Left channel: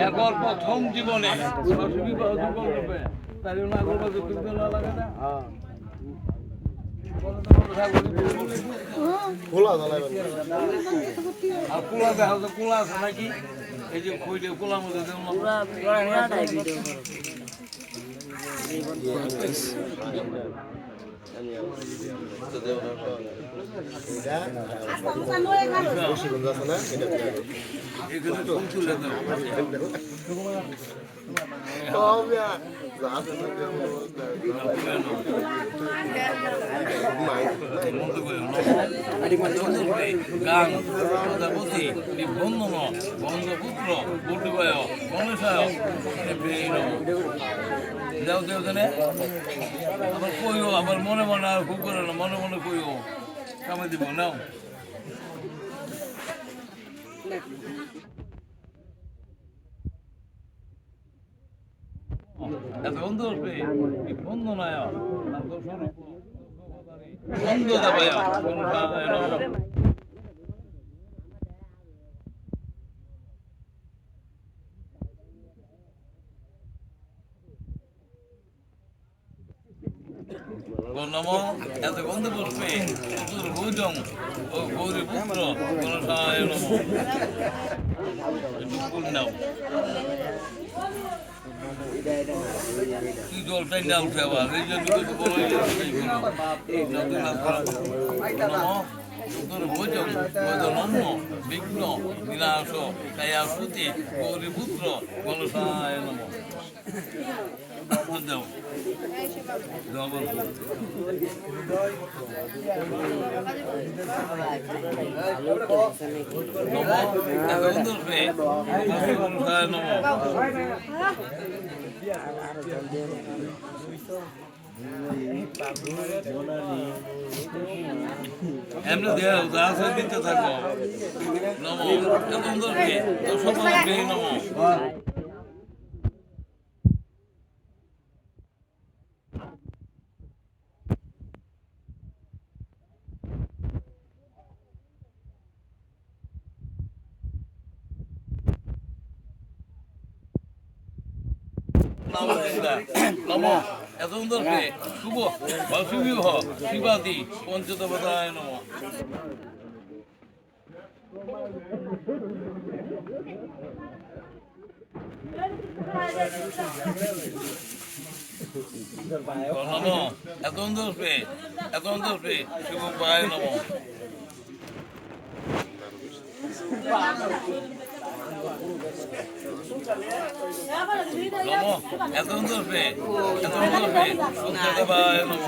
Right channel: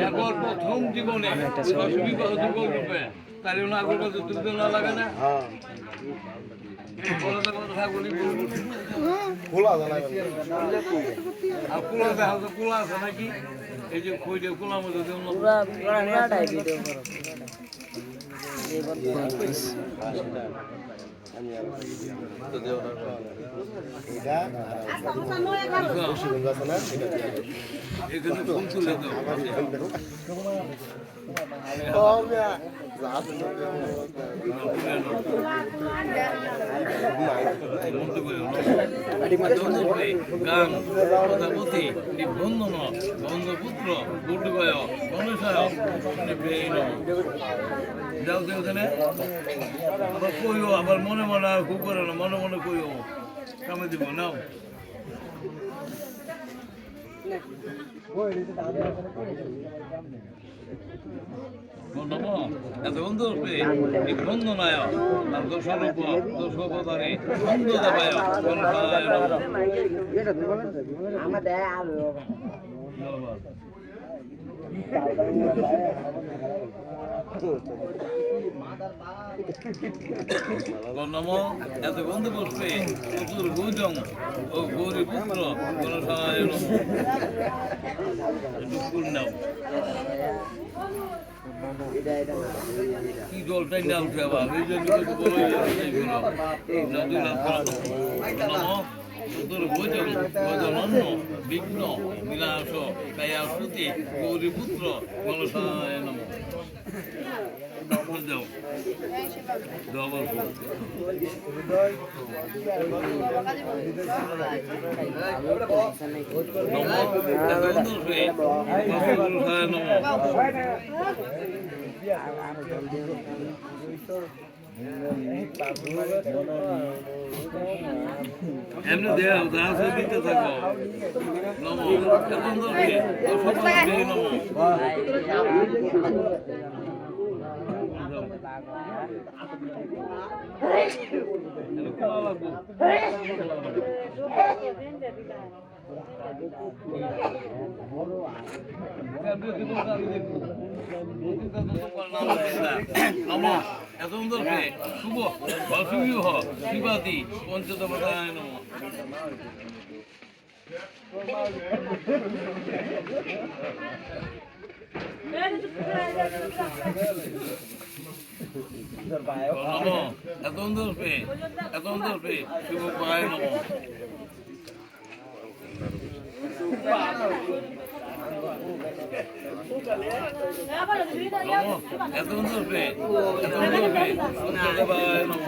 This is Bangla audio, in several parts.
একবার প্রথম জীবনে বিবাহ যুগল রূপে তাই না করবার যুদ্ধ না লাগে না খোলা জানাই আর কোলা দেখা তো কোলা আছে নাকি এই যে কই যে কোলার মধ্যে এখানে ফোন তুলে বন্ধপুত্র বুদ্ধবায় গণেশায় যাও দেও জানে আবার কইও আবার মনে মনে আর খুব করে না মনে মনে কইও কামে দিব নাও বন্ধু বন্ধু নয় আর দোষরূপ দোষপদারে বন্ধু দেবে নম এত বন্ধু বসবে ভোজন ও গৌরী পুত্র নাম কি জলটাই না উঠে আবার এই জন্য ভোজন অন্ন বিঘ্ন বিনাশ দয়াসুতি গৌরীপুত্র কলসায় নম দাও ডবল এমনি দেয়া উদাস দিতে থাকো নম নম নম এত সুন্দর শুভ শুভ শিবাদি পঞ্চদেবতায় নম এত সুন্দর শিব পায় নম এত সুন্দর দেবায় নম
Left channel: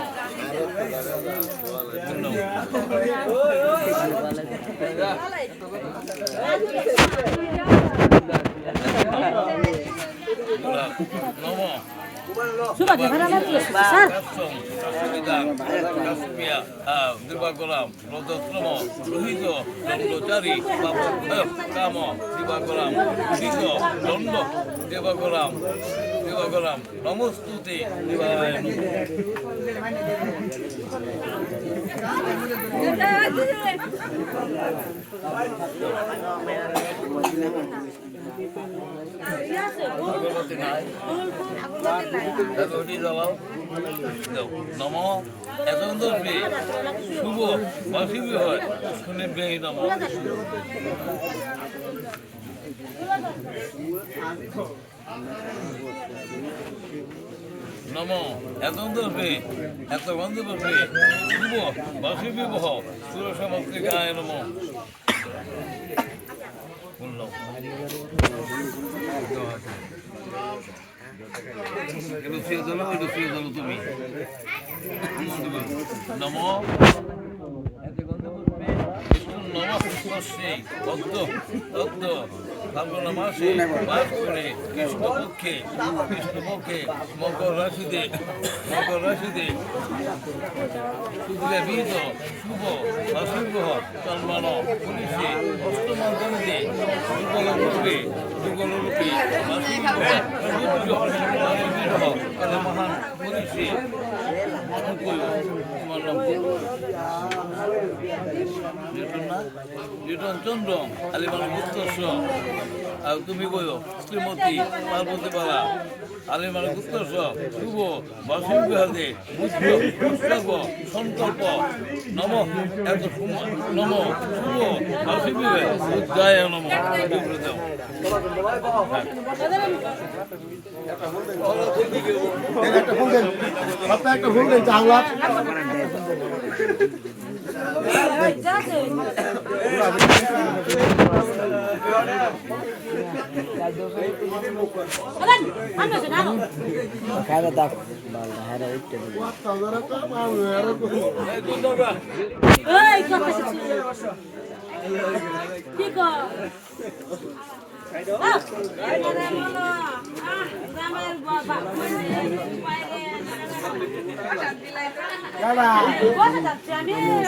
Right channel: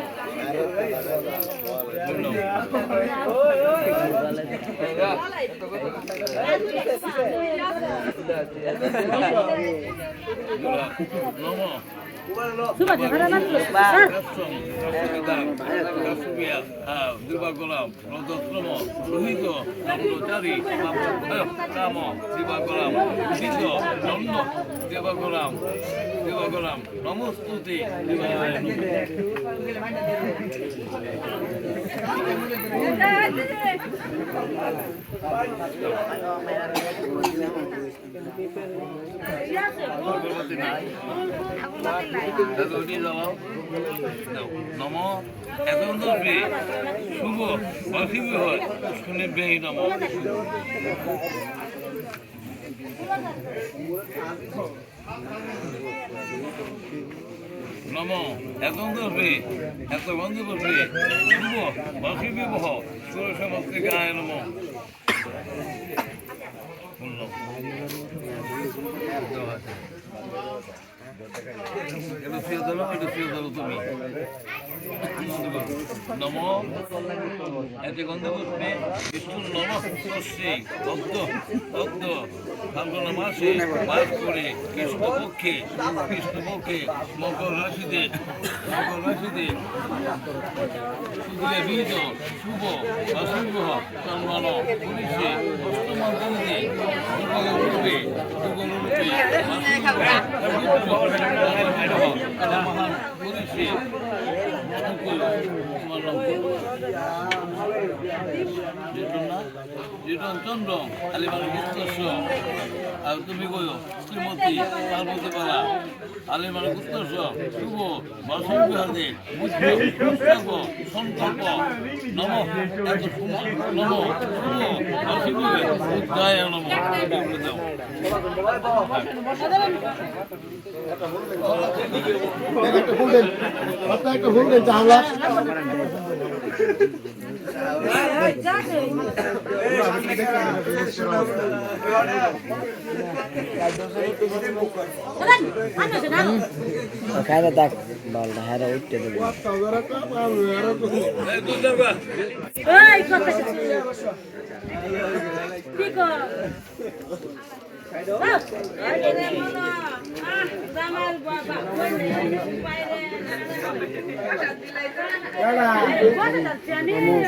দিবাগরাম রদত্রম রোহিত দণ্ডচারী কাম দিবাগরাম শীত দণ্ড দেবাগরাম নমস্তুতে নম এত সুন্দর শুভ বাসিব হয় শুনে বেহি নম নম এত সুন্দর এত বন্ধু বসবে শুভ বাসিব সুর সমস্তিকায় নম তুমি নম এতে গন্ধ পুষ্পে নমস্যে তত্ত্ব ফাল্গুন মাসে বাস করে কৃষ্ণপক্ষে মকর রাশিতে শুধুলে বীজ শুভ অশুভ সম্মান পুলিশে অষ্টমন্ত্রী যুগলরূপে মহান পুলিশে চন্দ্র আলিমান উত্তর্ষ আর তুমি কইও শ্রীমতী পার্বতী পাড়া আলে মানে উৎকর্ষ শুভ বাসন্তী হাতে বুদ্ধ পুস্তক সংকল্প নম এত নম শুভ বাসন্তী উদ্দায় নম একটা ফুল দেন চাংলা খাইলে দেখ বলটা হারা উঠতে দেবে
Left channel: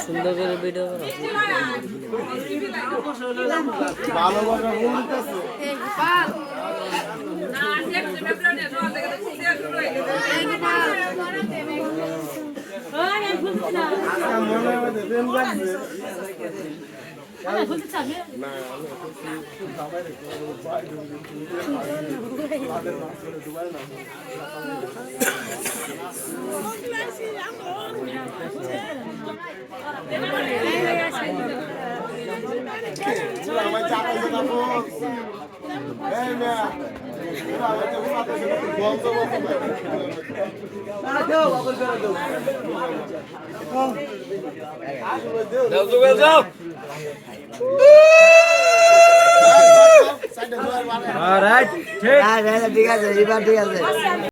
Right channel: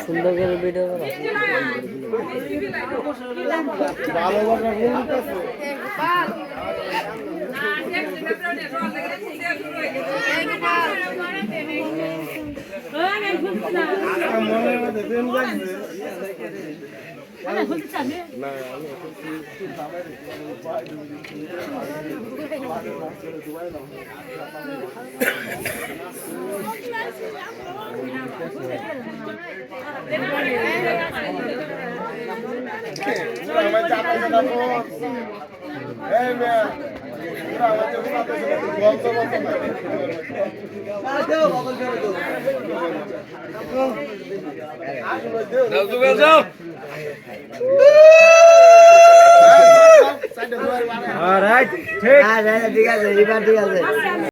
সুন্দর করে ভিডিও ভালো কথা বলতেছে মনে মধ্যে প্রেম লাগছে ঠিক আছে এবার ঠিক আছে